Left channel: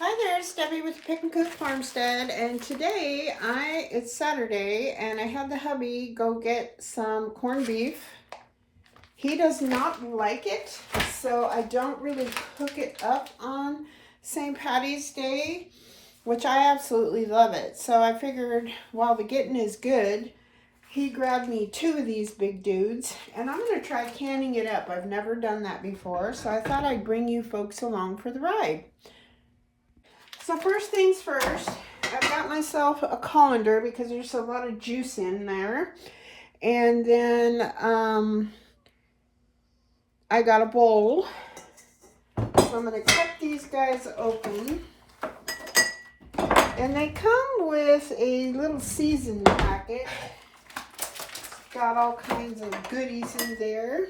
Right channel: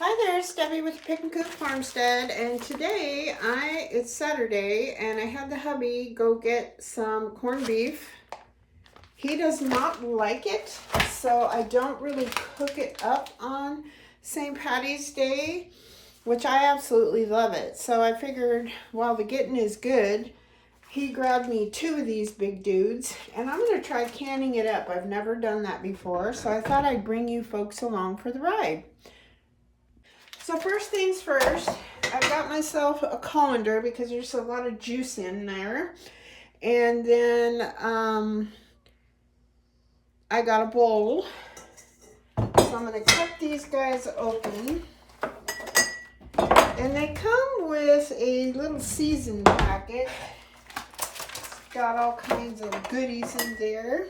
Hi there, it's Debbie with Pick and Cook Farmstead, and today it's Saturday and I had the hubby go get some corned beef. He does not like it, so I don't really cook it up on St. Patty's Day, which I absolutely love it. So I figured while the getting is good, he grabbed me 2 of these big dudes, and I'm going to try canning it up. I've never done that before, so I thought I'd bring you folks along for the ride. So first things first, I've got myself a colander because there's a lot of juice in there. And then I got a bowl. So I'm going to cut these guys open. And they come with a little season packet. It's got all kinds of goodies in there.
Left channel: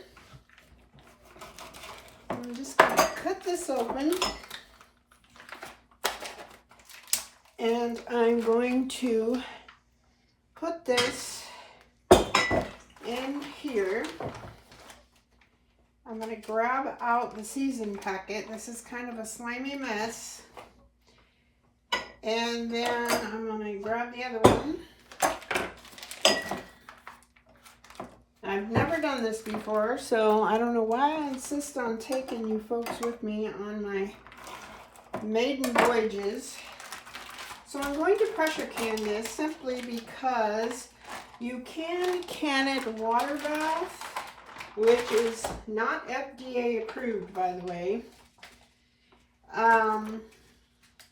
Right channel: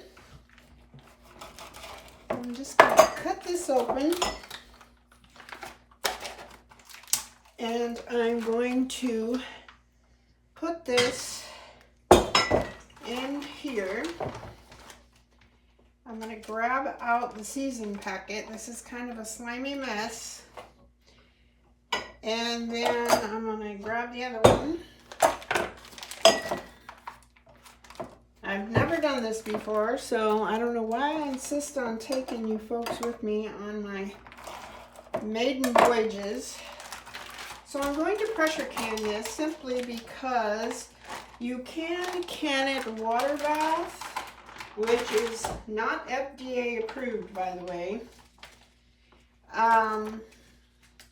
I'm just going to cut this open. And I'm going to put this in here. I'm going to grab out the season packet. This is kind of a slimy mess. And then I'm going to grab the other one. I've never done this before, so I don't know why I insist on taking you folks with me on my maiden voyages. So I'm going to pressure can this simply because you can it water bath, which is not FDA approved, by the way.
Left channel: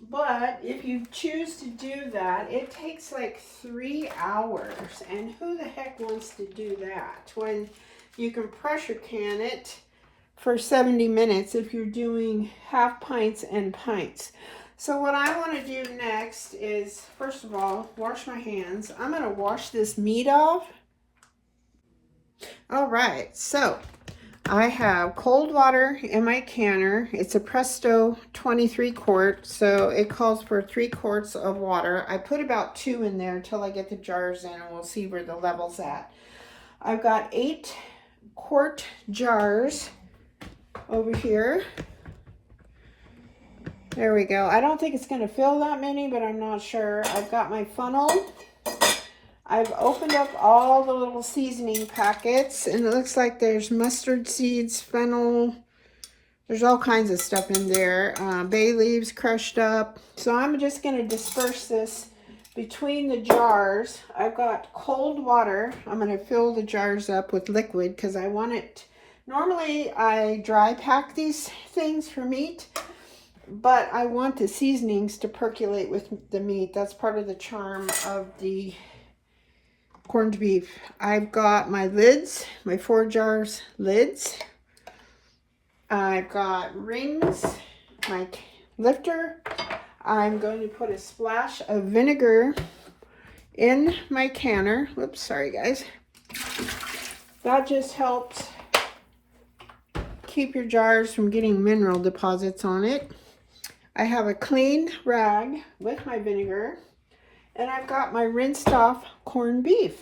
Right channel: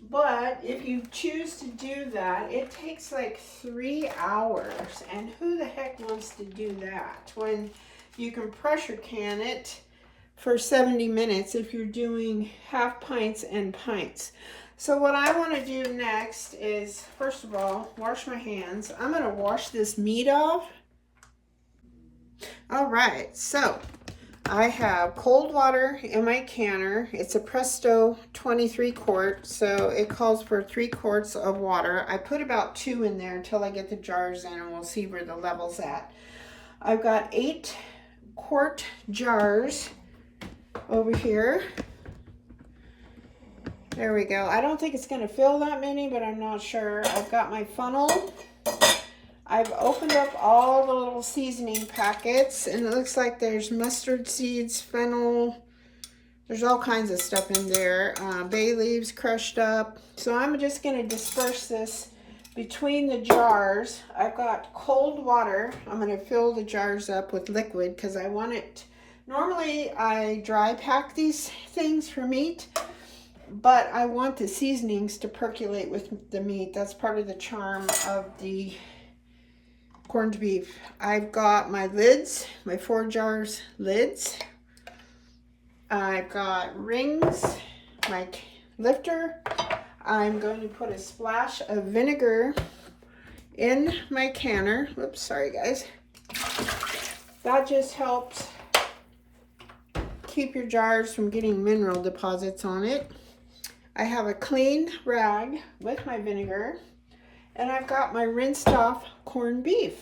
But if you choose to do that, it takes like 3 hours. And who the heck wants to do that when you can pressure can it for 70 minutes if you're doing half pints and pints? So what I want to do next is, first of all, wash my hands. I'm going to wash this meat off. All right, so I have cold water in my canner. It's a Presto 23 quart, so it calls for 3 quarts of water. I put about 2 in there until I get the jars in, and we'll see where the level's at. I've got 8 quart jars over here. There we go. I don't think it's going to fill that many, but I'm not sure. I've got my funnel. I've opened up all the little seasoning packets, and it looks like there's mustard seeds, fennel. There's all kinds of stuff in there. Bay leaves crushed up. So I'm just going to disperse this between the jars. I've got cold water. I'm going to fill the jars up with liquid because I want it. Normally, I dry pack these things for meat, but I want the seasonings to percolate with the meat. That's part of the charm of the corned beef. I've got my lids, my 4 jars lids. I've got rings, my lifter. I'm going to put a splash of vinegar in my canner. Whoops, sorry guys. That just helps keep your jars from getting mineral deposits on it. I have a clean rag with my vinegar, and I've got my rinsed off corned beef.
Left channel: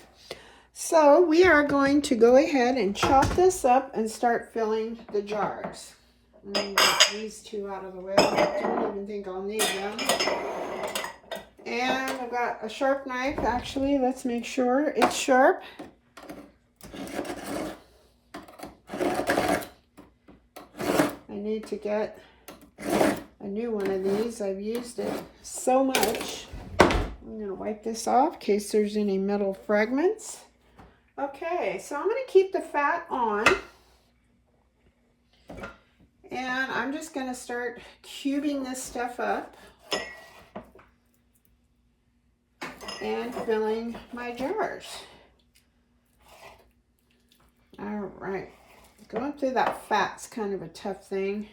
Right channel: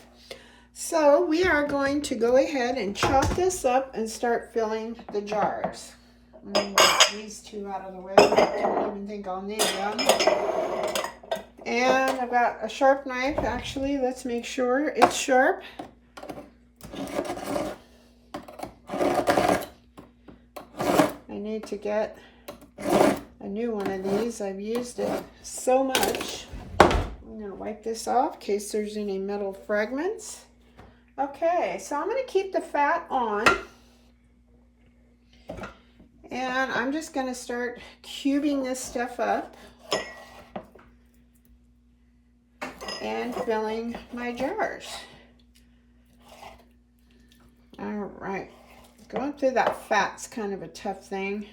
So we are going to go ahead and chop this up and start filling the jars. I'm going to get these 2 out of the way. I don't even think I'll need them. And I've got a sharp knife. Actually, let's make sure it's sharp. I need to get a new one of these. I've used it so much. I'm going to wipe this off in case there's any metal fragments. Okay, so I'm going to keep the fat on. And I'm just going to start cubing this stuff up and filling my jars. All right. Going through that fat's kind of a tough thing.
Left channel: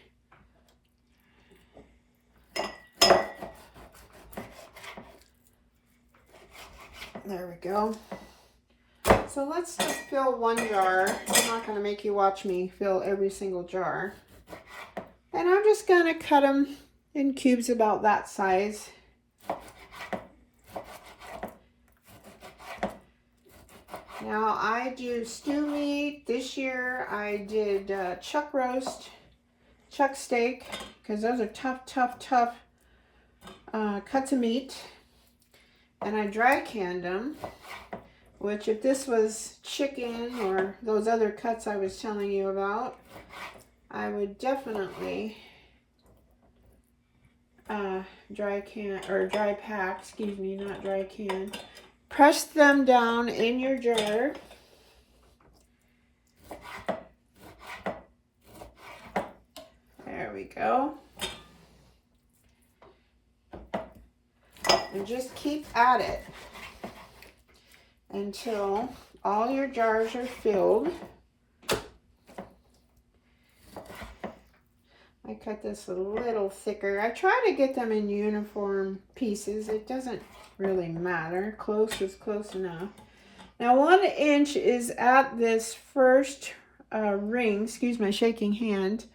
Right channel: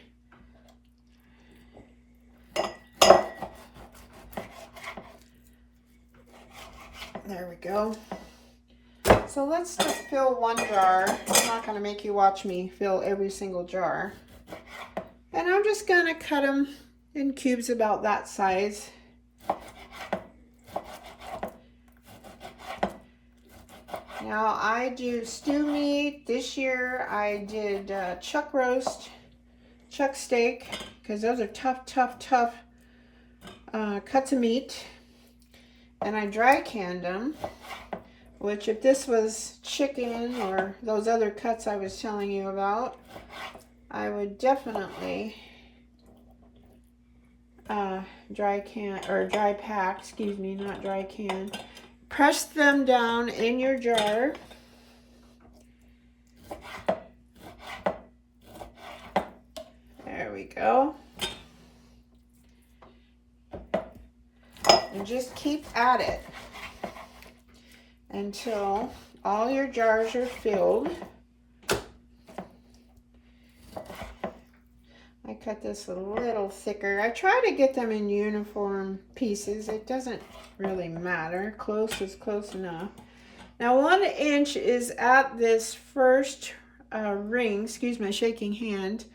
There we go. So let's just fill 1 jar. I'm not going to make you watch me fill every single jar. And I'm just going to cut them in cubes about that size. Now I do stew meat. This year I did chuck roast, chuck steak, because those are tough cuts of meat, and I dry canned them, which if this was chicken or those other cuts I was telling you about, I would definitely dry pack, excuse me, not dry can. Press them down in your jar. There we go. And just keep at it until all your jars are filled. I cut this a little thicker. I try to get them in uniform pieces. It doesn't really matter. Close is close enough. Now 1 inch is at this first ring. Excuse my shaking hand.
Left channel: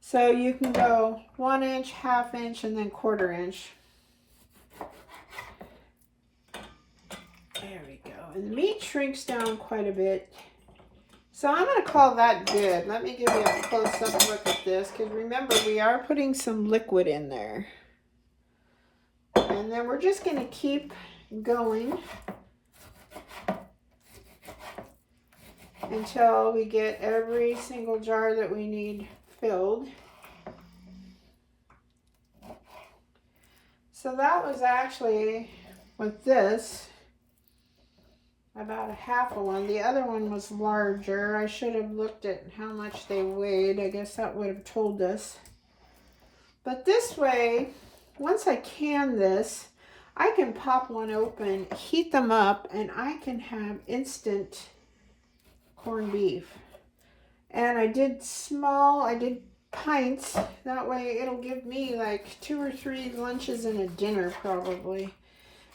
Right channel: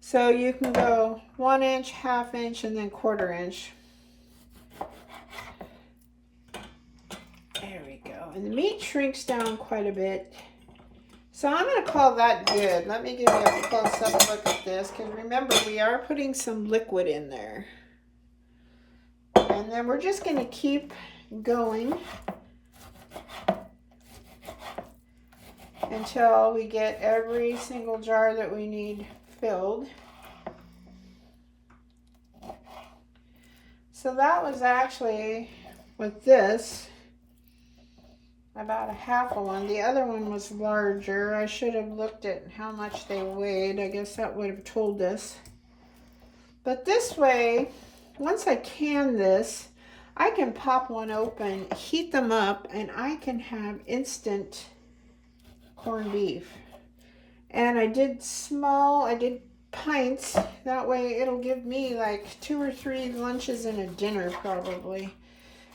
So you can go 1 inch, 1/2 inch, and then 1/4 inch. There we go. And the meat shrinks down quite a bit. So I'm going to call that good. Let me give you a close-up look at this, because remember, we are putting some liquid in there. And then we're just going to keep going until we get every single jar that we need filled. So that was actually, with this, about 1/2 one. The other one was larger. I should have looked at how much they weighed. I guess that would have told us. But this way, once I can this, I can pop one open, heat them up, and I can have instant corned beef. And I did pints. That way it'll give me like 2 or 3 lunches and a dinner probably.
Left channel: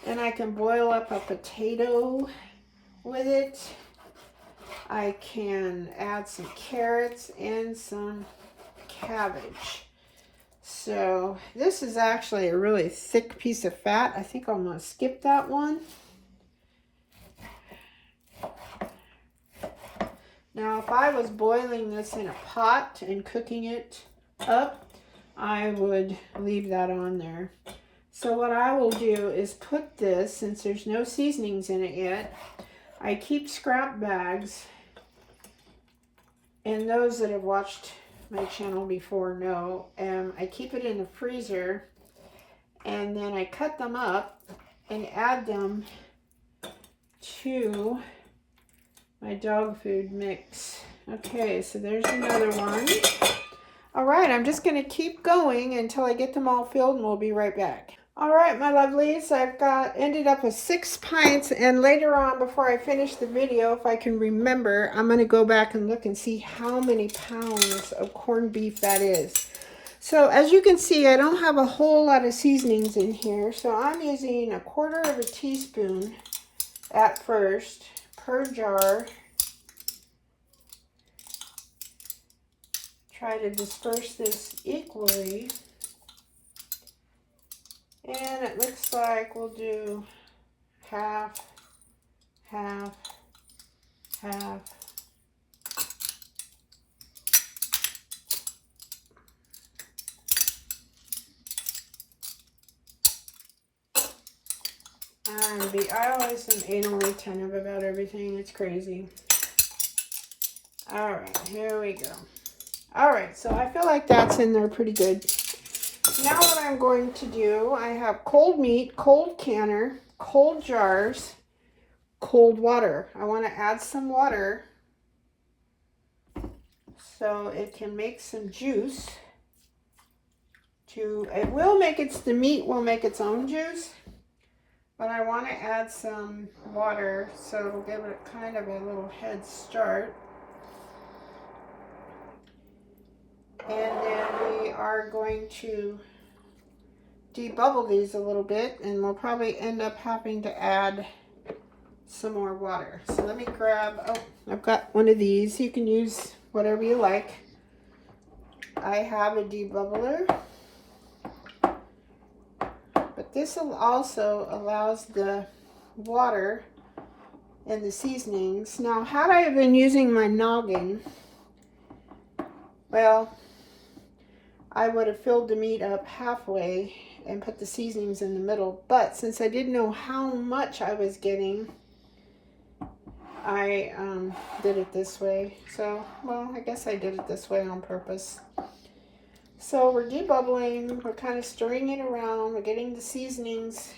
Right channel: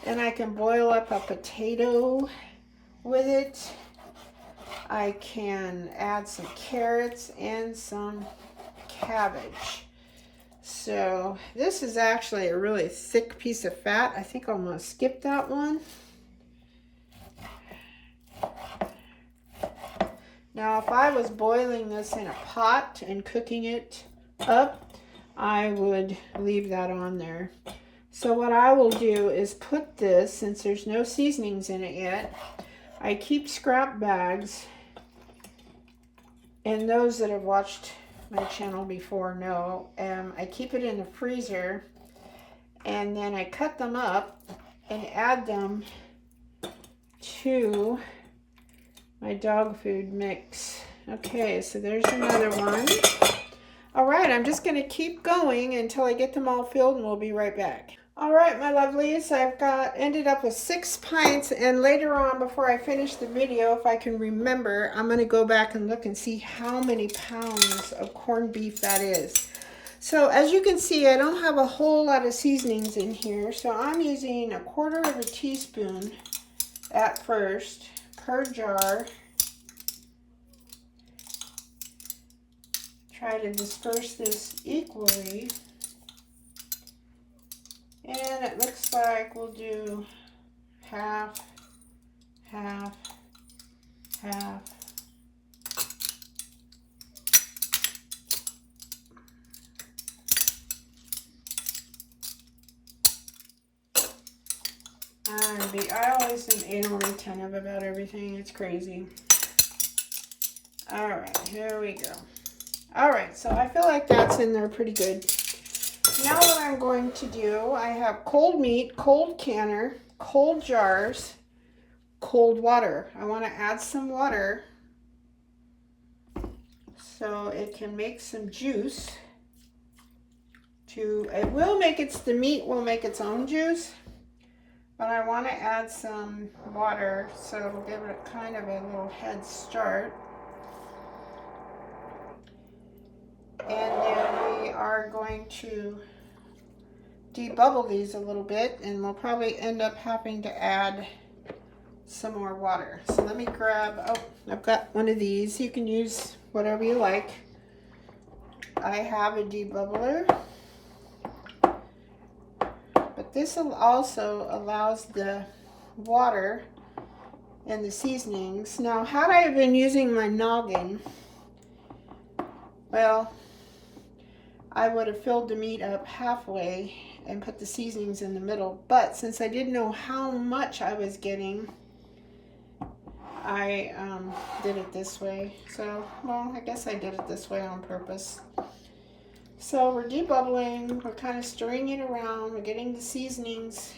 And I can boil up a potato with it. I can add some carrots and some cabbage. So this is actually a really thick piece of fat. I think I'm going to skip that one. Now if I was boiling this in a pot and cooking it up, I would leave that on there. So what I will do is put this, since there's no seasonings in it yet, I keep scrap bags, and those that have watched my channel before know, I keep it in the freezer, and then I cut them up and add them to my dog food mix. Okay, so there's another one. All right, I'm just going to keep going until I get them all filled, and we'll be right back. All right, my lovelies, ended up with 6 pints, and later on, before I finish the video, if I can remember, I'm going to go back and look and see how many pounds of corned beef that is. So as you can see, I don't have a whole lot of seasonings in here, so I'm using 1/4 teaspoon at first per jar. Try to disperse this equally. And it looks like we'll do half, half, half. I always am anal retentive about everything. It's crazy. All right, here we go. All right, so I feel like that's in there pretty good. Now what I'm going to do, I have cold meat, cold canner, cold jars, cold water. I want to add some water so it can make some juice. The meat will make its own juice, but I want to add some water so it'll give it kind of a little head start. And then we are going to debubble these a little bit, and we'll probably end up having to add some more water. So let me grab, I've got one of these. You can use whatever you like. I have a debubbler, but this also allows the water and the seasonings. Now, had I been using my noggin, well, I would have filled the meat up halfway and put the seasonings in the middle. But since I didn't know how much I was getting, I did it this way. So, well, I guess I did it this way on purpose. So we're debubbling, we're kind of stirring it around, we're getting the seasonings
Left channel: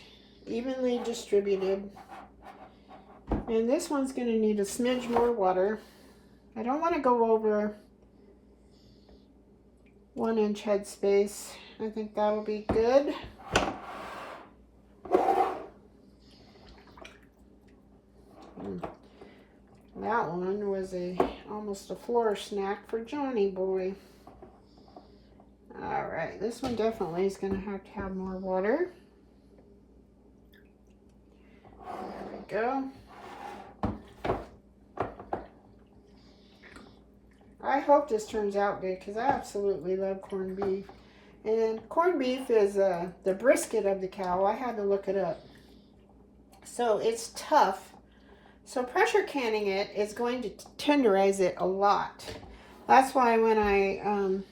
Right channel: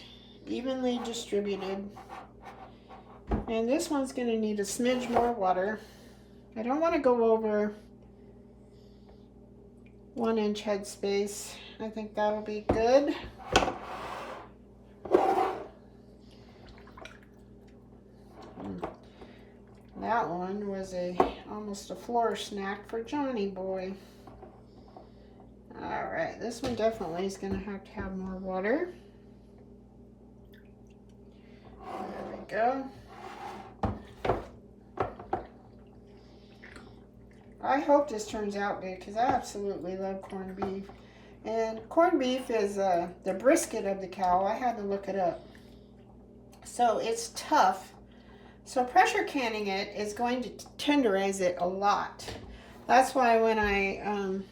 evenly distributed. And this one's going to need a smidge more water. I don't want to go over 1 inch headspace. I think that'll be good. That one was almost a floor snack for Johnny boy. All right, this one definitely is going to have more water. There we go. I hope this turns out good because I absolutely love corned beef. And corned beef is the brisket of the cow. I had to look it up. So it's tough. So pressure canning it is going to tenderize it a lot. That's why when I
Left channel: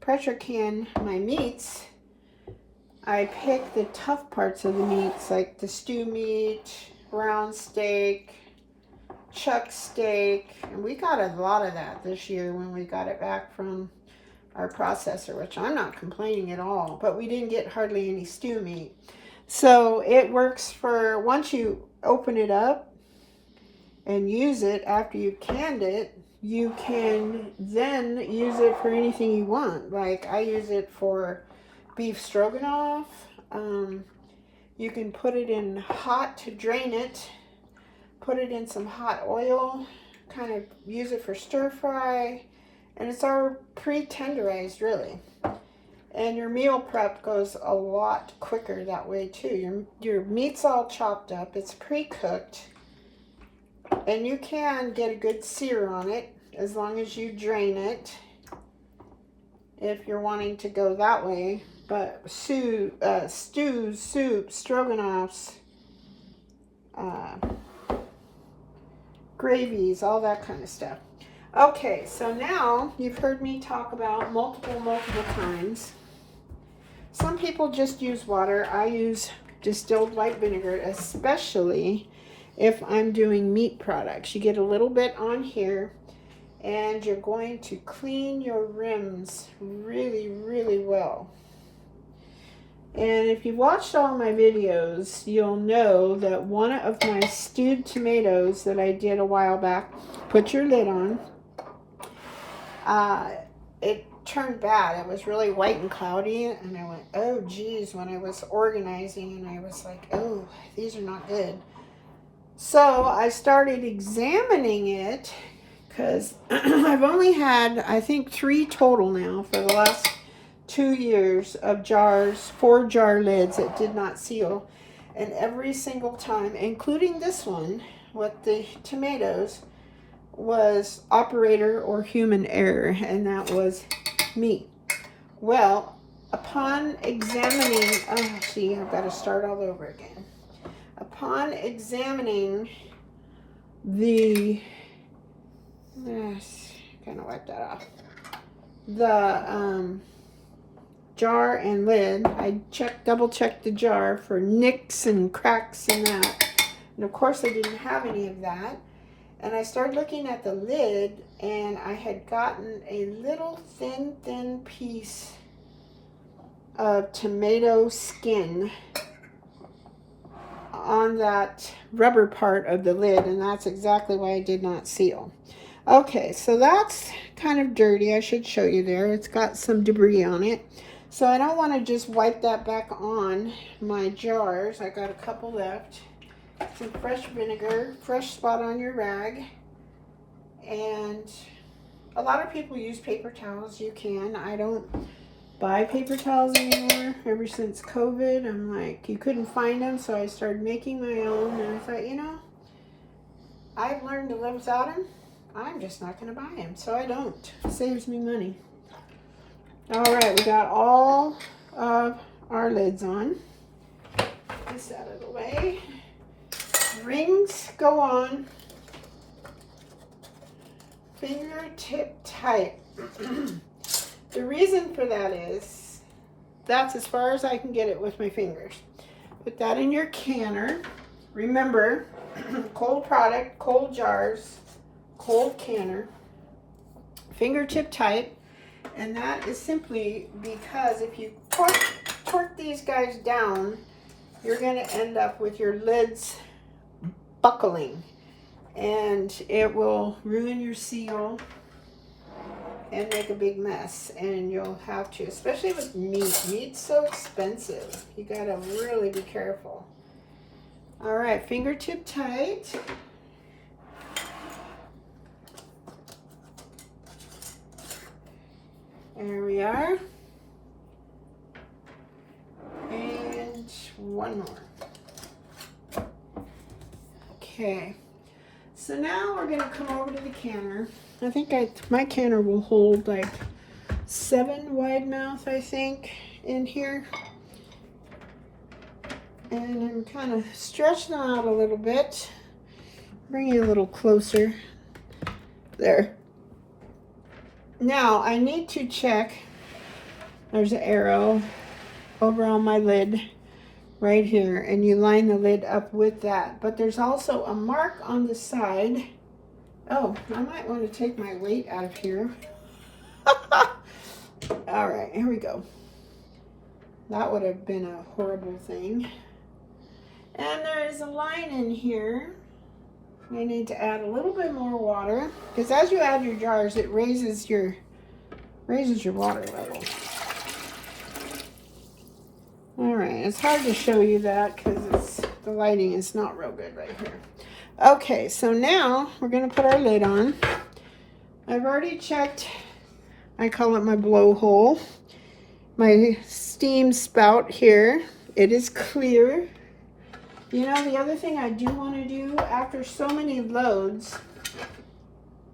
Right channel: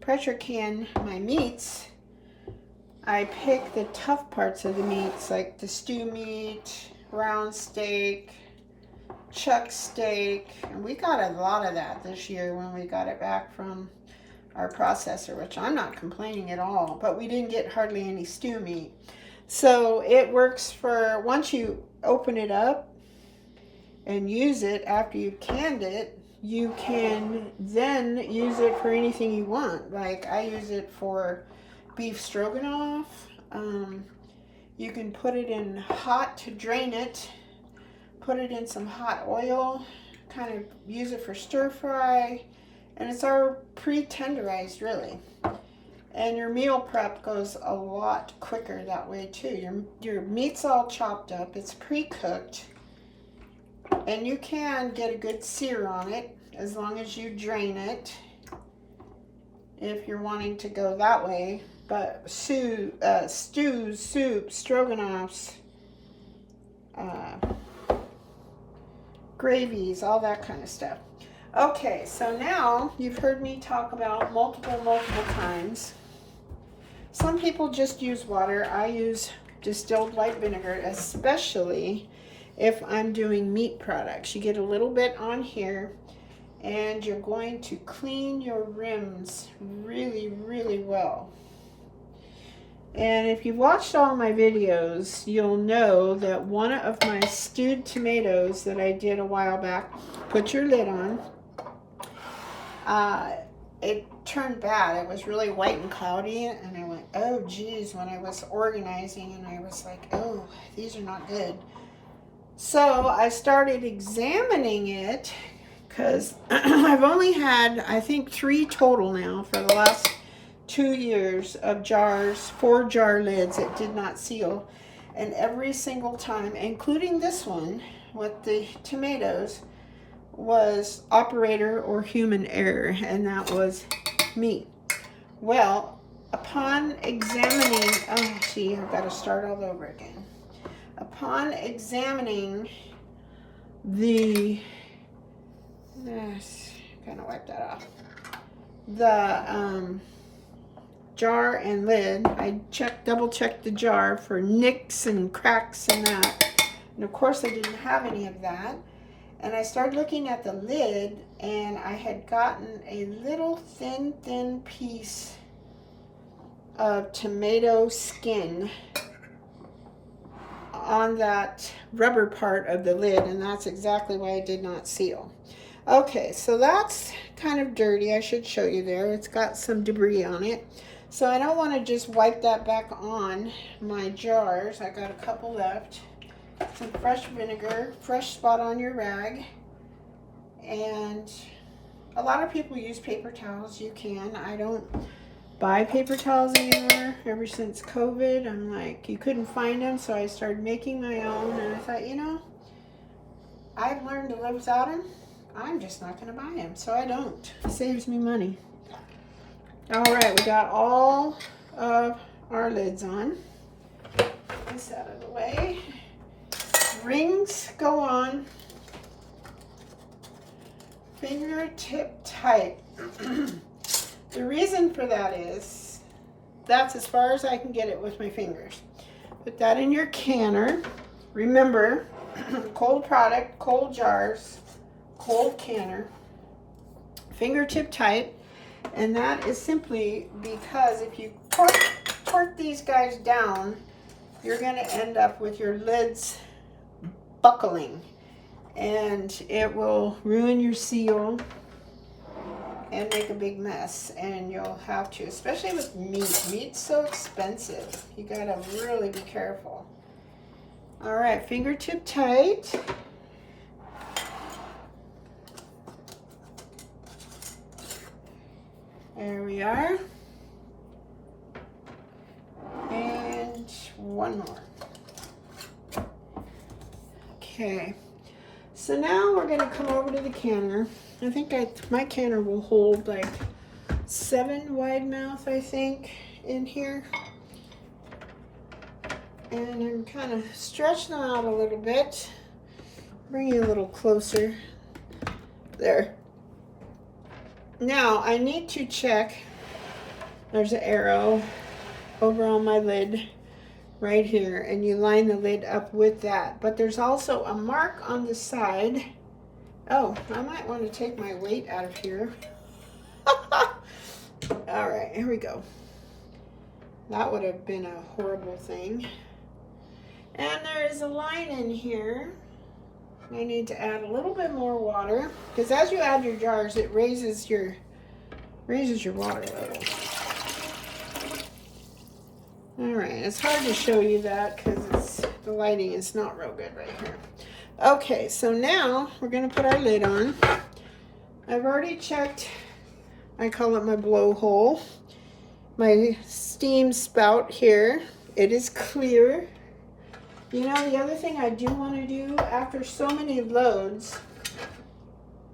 pressure can my meats, I pick the tough parts of the meats, like the stew meat, round steak, chuck steak. And we got a lot of that this year when we got it back from our processor, which I'm not complaining at all, but we didn't get hardly any stew meat. So it works for once you open it up and use it after you've canned it, you can then use it for anything you want. Like I use it for beef stroganoff. You can put it in hot to drain it, put it in some hot oil, kind of use it for stir fry, and it's all pre-tenderized really. And your meal prep goes a lot quicker that way too. Your meat's all chopped up, it's pre-cooked. And you can get a good sear on it as long as you drain it if you're wanting to go that way. But stews, soups, stroganoffs, gravies, all that kind of stuff. Okay, so now you've heard me talk about multiple times. Some people just use water. I use distilled white vinegar, especially if I'm doing meat products. You get a little bit on here and you're going to clean your rims really well. And if you've watched all my videos, you'll know that one of my stewed tomatoes that I did a while back, put your lid on, it turned bad. It was really white and cloudy, and I went, oh geez, when I was organizing, and I was like, oh, these are not good. So I started examining it because I've only had, I think, 3 total now for the last 2 years of jars, 4 jar lids that did not seal. And every single time, including this one with the tomatoes, was operator or human error, and that was me. Well, upon examining, oh, see, I've got to start all over again. Upon examining the, kind of wipe that off, the jar and lid, I double checked the jar for nicks and cracks and that. And of course I didn't have any of that. And I started looking at the lid, and I had gotten a little thin piece of tomato skin on that rubber part of the lid, and that's exactly why it did not seal. Okay, so that's kind of dirty. I should show you there. It's got some debris on it. So I don't want to just wipe that back on my jars. I got a couple left. Some fresh vinegar, fresh spot on your rag. And a lot of people use paper towels. You can. I don't buy paper towels anymore. Ever since COVID, I'm like, you couldn't find them, so I started making my own. And I thought, you know, I've learned to live without them. I'm just not going to buy them, so I don't. It saves me money. All right, we got all of our lids on. Get this out of the way. Rings go on fingertip tight. The reason for that is that's as far as I can get it with my fingers. Put that in your canner. Remember, cold product, cold jars, cold canner, fingertip tight. And that is simply because if you torque these guys down, you're going to end up with your lids buckling. And it will ruin your seal and make a big mess. And you'll have to, especially with meat. Meat's so expensive. You got to really be careful. All right, fingertip tight. There we are. And one more. Okay. So now we're going to come over to the canner. I think my canner will hold like 7 wide mouth, I think, in here. And I'm kind of stretching them out a little bit. Bring it a little closer. There. Now, I need to check. There's an arrow over on my lid right here, and you line the lid up with that. But there's also a mark on the side. Oh, I might want to take my weight out of here. All right, here we go. That would have been a horrible thing. And there is a line in here. I need to add a little bit more water, because as you add your jars, it raises your water level. All right, it's hard to show you that because the lighting is not real good right here. Okay, so now we're going to put our lid on. I've already checked, I call it my blowhole, my steam spout here. It is clear. You know, the other thing I do want to do after so many loads,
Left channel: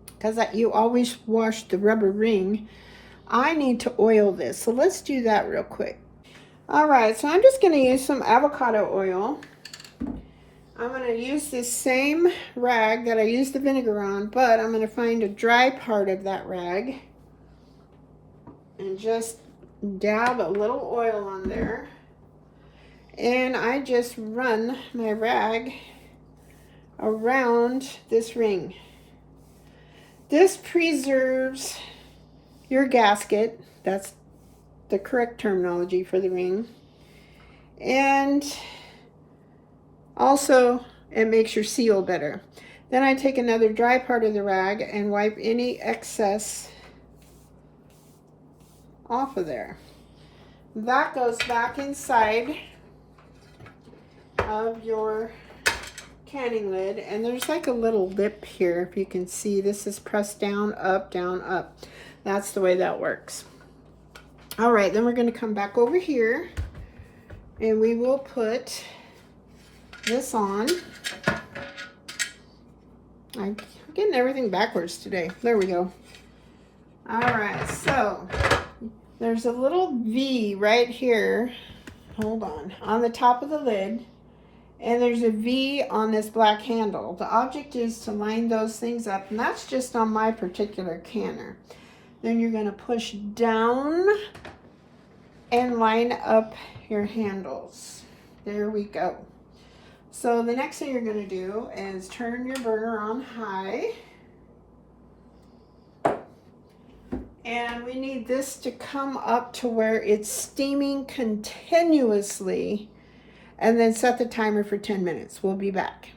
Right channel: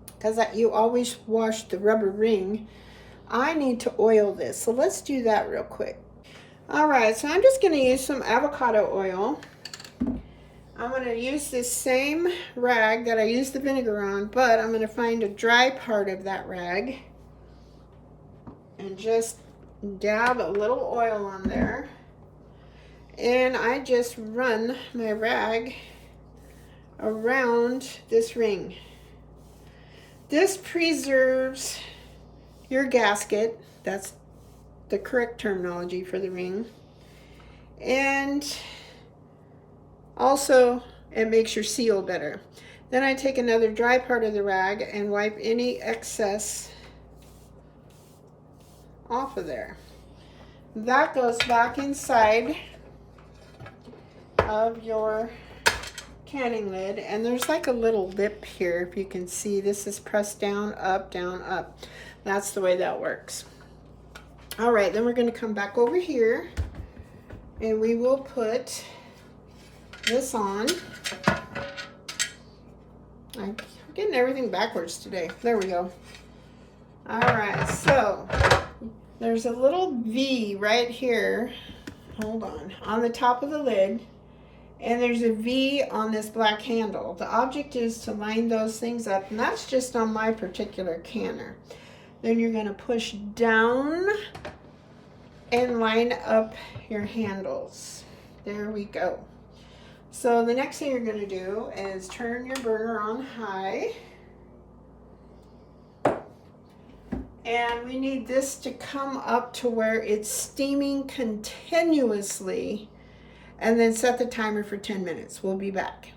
because you always wash the rubber ring, I need to oil this. So let's do that real quick. All right, so I'm just going to use some avocado oil. I'm going to use this same rag that I used the vinegar on, but I'm going to find a dry part of that rag and just dab a little oil on there. And I just run my rag around this ring. This preserves your gasket. That's the correct terminology for the ring. And also it makes your seal better. Then I take another dry part of the rag and wipe any excess off of there. That goes back inside of your canning lid, and there's like a little lip here. If you can see, this is pressed down, up, down, up. That's the way that works. All right, then we're going to come back over here and we will put this on. I'm getting everything backwards today. There we go. All right, so there's a little V right here. Hold on the top of the lid. And there's a V on this black handle. The object is to line those things up, and that's just on my particular canner. Then you're going to push down and line up your handles. There we go. So the next thing you're going to do is turn your burner on high. And we need this to come up to where it's steaming continuously. And then set the timer for 10 minutes. We'll be back.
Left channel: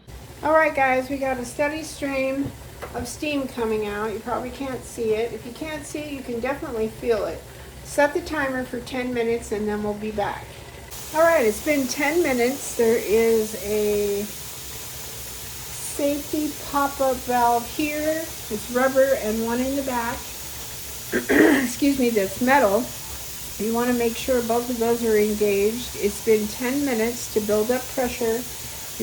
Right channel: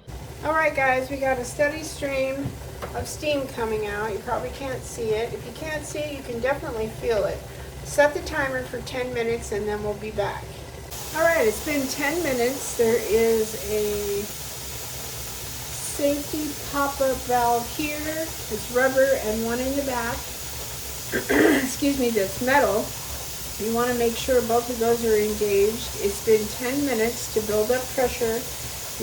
All right, guys, we got a steady stream of steam coming out. You probably can't see it. If you can't see it, you can definitely feel it. Set the timer for 10 minutes and then we'll be back. All right, it's been 10 minutes. There is a safety pop-up valve here. It's rubber and one in the back. Excuse me, that's metal. You want to make sure both of those are engaged. It's been 10 minutes to build up pressure.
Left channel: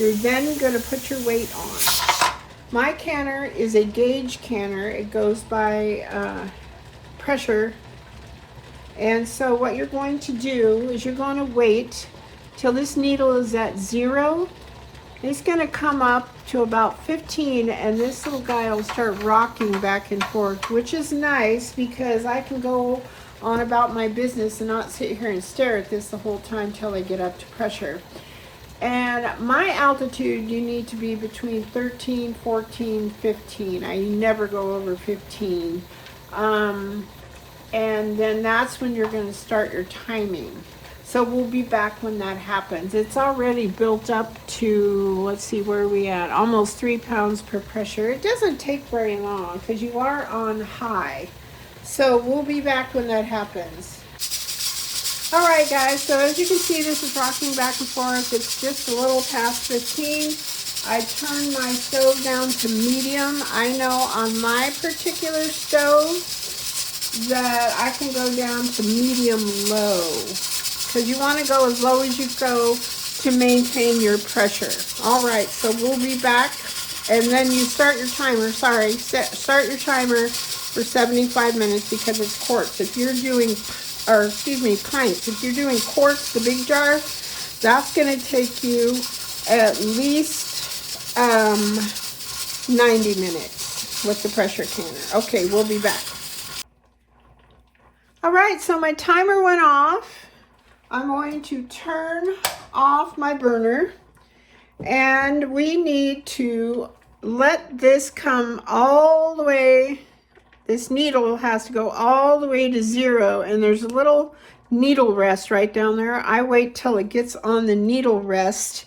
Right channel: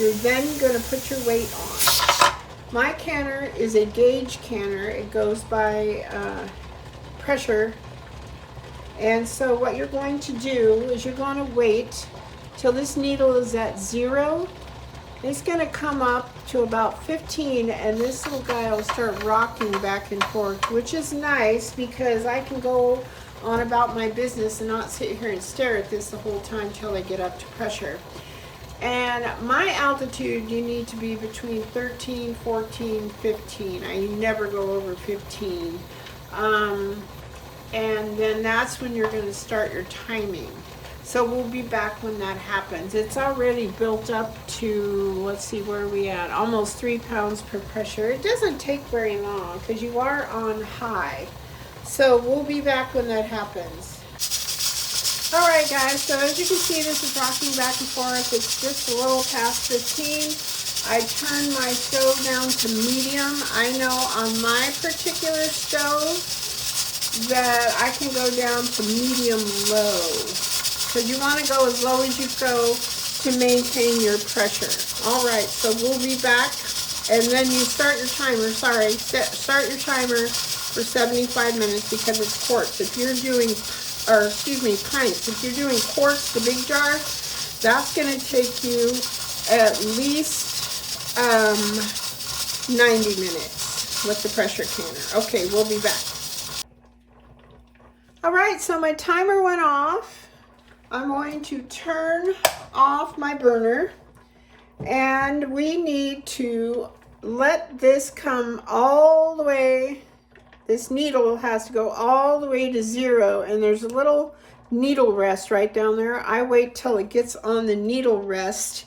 You're then going to put your weight on. My canner is a gauge canner. It goes by pressure. And so what you're going to do is you're going to wait till this needle is at 0. It's going to come up to about 15, and this little guy will start rocking back and forth, which is nice because I can go on about my business and not sit here and stare at this the whole time till I get up to pressure. And my altitude, you need to be between 13, 14, 15. I never go over 15. And then that's when you're going to start your timing. So we'll be back when that happens. It's already built up to, let's see, where are we at? Almost 3 pounds per pressure. It doesn't take very long because you are on high. So we'll be back when that happens. All right, guys, so as you can see, this is rocking back and forth. It's just a little past 15. I turned my stove down to medium. I know on my particular stove that I can go down to medium low. So you want to go as low as you go to maintain your pressure. All right, so we'll be back. And then you start your timer, start your timer for 75 minutes because it's quarts. If you're doing, or excuse me, pints. If you're doing quarts, the big jar, that's going to take you at least 90 minutes with the pressure canner. Okay, we'll be back. All right, so my timer went off. I'm going to turn off my burner, and we need to let this come all the way. This needle has to go all the way to 0, and there's a little needle rest right down there. I wait till it gets on the needle rest,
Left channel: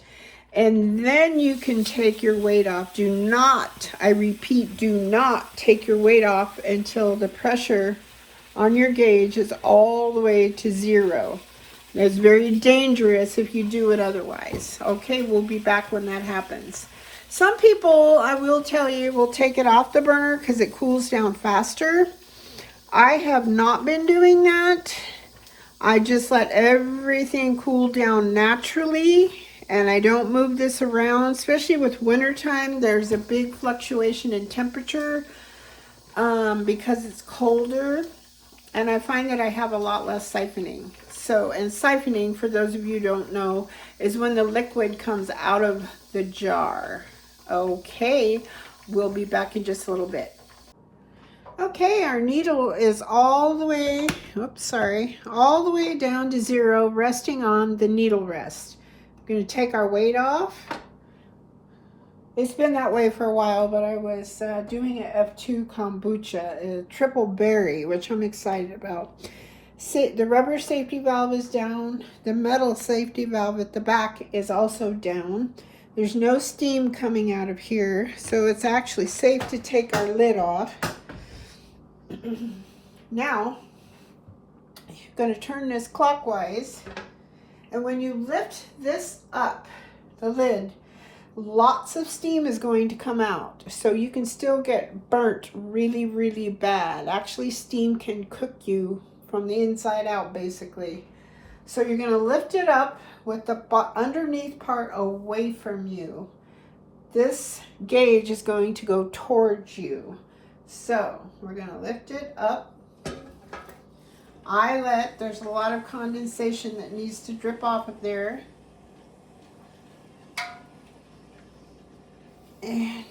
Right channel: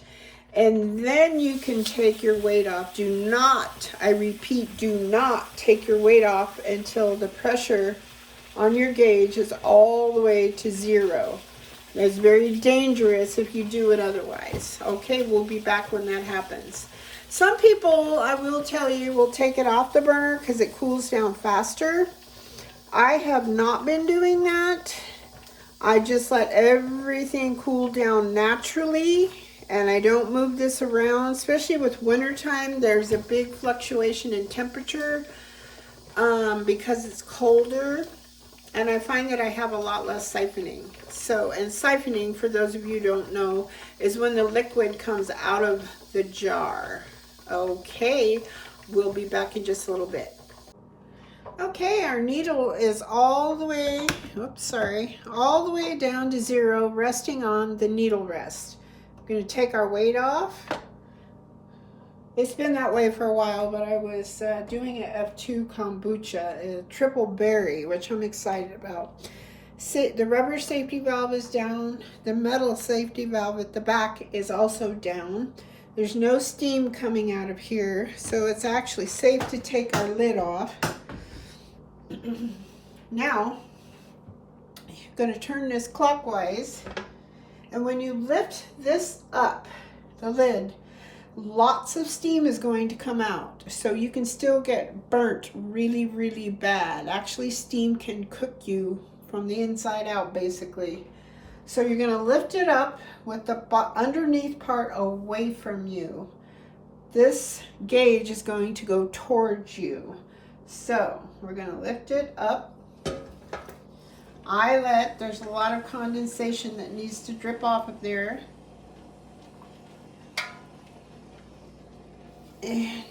and then you can take your weight off. Do not, I repeat, do not take your weight off until the pressure on your gauge is all the way to 0. It's very dangerous if you do it otherwise. Okay, we'll be back when that happens. Some people, I will tell you, will take it off the burner because it cools down faster. I have not been doing that. I just let everything cool down naturally, and I don't move this around, especially with wintertime. There's a big fluctuation in temperature because it's colder. And I find that I have a lot less siphoning. So, and siphoning, for those of you who don't know, is when the liquid comes out of the jar. Okay, we'll be back in just a little bit. Okay, our needle is all the way, all the way down to 0, resting on the needle rest. We're going to take our weight off. It's been that way for a while, but I was doing an F2 kombucha, a triple berry, which I'm excited about. The rubber safety valve is down. The metal safety valve at the back is also down. There's no steam coming out of here, so it's actually safe to take our lid off. Now, I'm going to turn this clockwise, and when you lift this up, the lid, lots of steam is going to come out, so you can still get burnt really, really bad. Actually, steam can cook you from the inside out, basically. So you're going to lift it up with the underneath part away from you. This gauge is going to go towards you. So we're going to lift it up. There's a lot of condensation that needs to drip off of there. And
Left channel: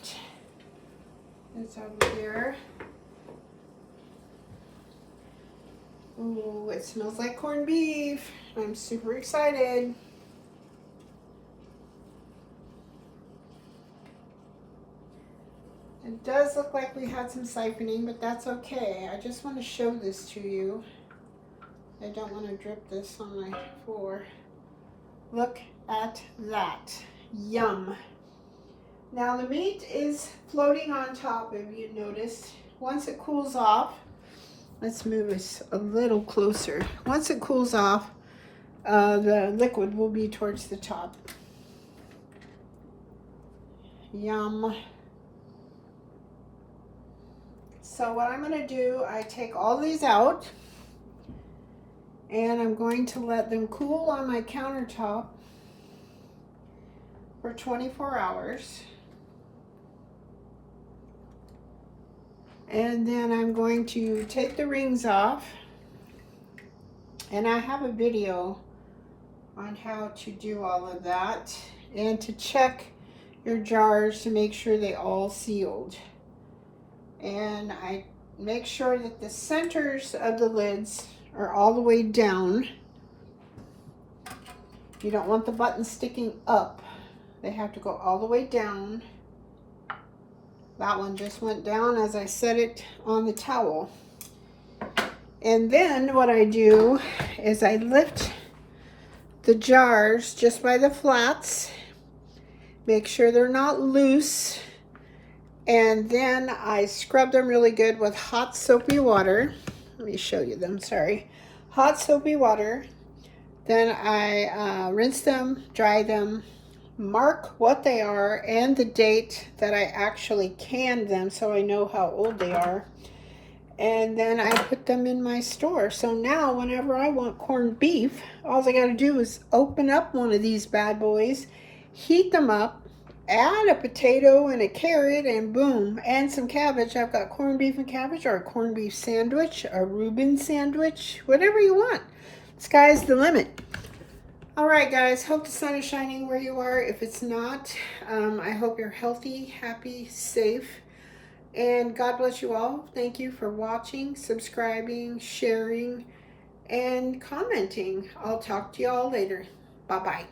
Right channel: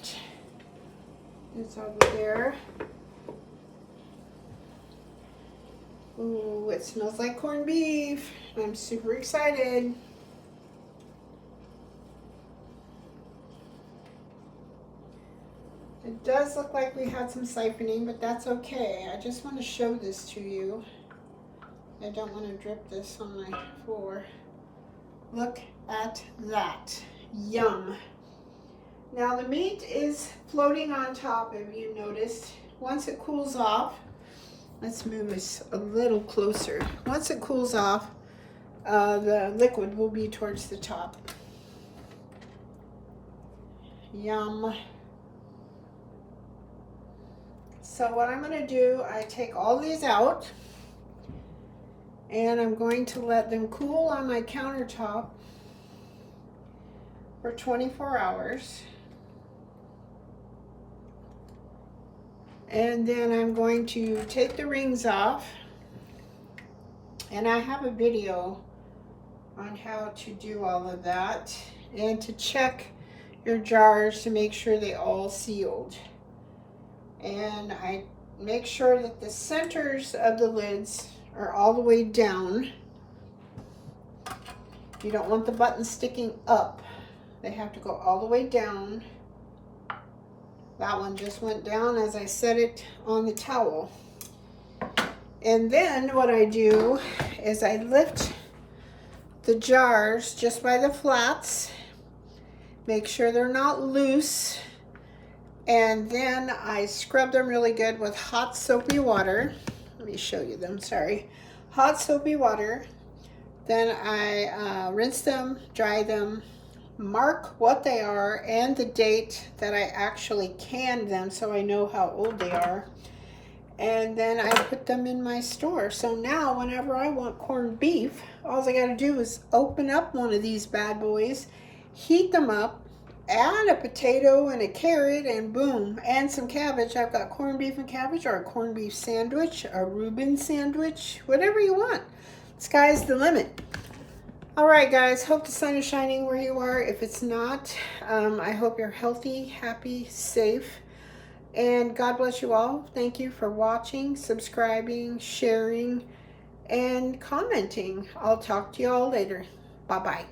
it's over there. Ooh, it smells like corned beef. I'm super excited. It does look like we had some siphoning, but that's okay. I just want to show this to you. I don't want to drip this on my floor. Look at that. Yum. Now the meat is floating on top, if you noticed. Once it cools off, let's move this a little closer. Once it cools off, the liquid will be towards the top. Yum. So what I'm going to do, I take all these out, and I'm going to let them cool on my countertop for 24 hours. And then I'm going to take the rings off, and I have a video on how to do all of that, and to check your jars to make sure they all sealed. And I make sure that the centers of the lids are all the way down. You don't want the buttons sticking up. They have to go all the way down. That one just went down as I set it on the towel. And then what I do is I lift the jars just by the flats, make sure they're not loose, and then I scrub them really good with hot soapy water. Let me show you them, sorry. Hot soapy water. Then I rinse them, dry them, mark what they are and the date that I actually canned them so I know how old they are. And then I put them in my store. So now whenever I want corned beef, all I gotta do is open up one of these bad boys, heat them up, add a potato and a carrot, and boom, and some cabbage. I've got corned beef and cabbage, or a corned beef sandwich, a Reuben sandwich, whatever you want. Sky's the limit. All right, guys, hope the sun is shining where you are. If it's not, I hope you're healthy, happy, safe, and God bless you all. Thank you for watching, subscribing, sharing, and commenting. I'll talk to you all later. Bye-bye.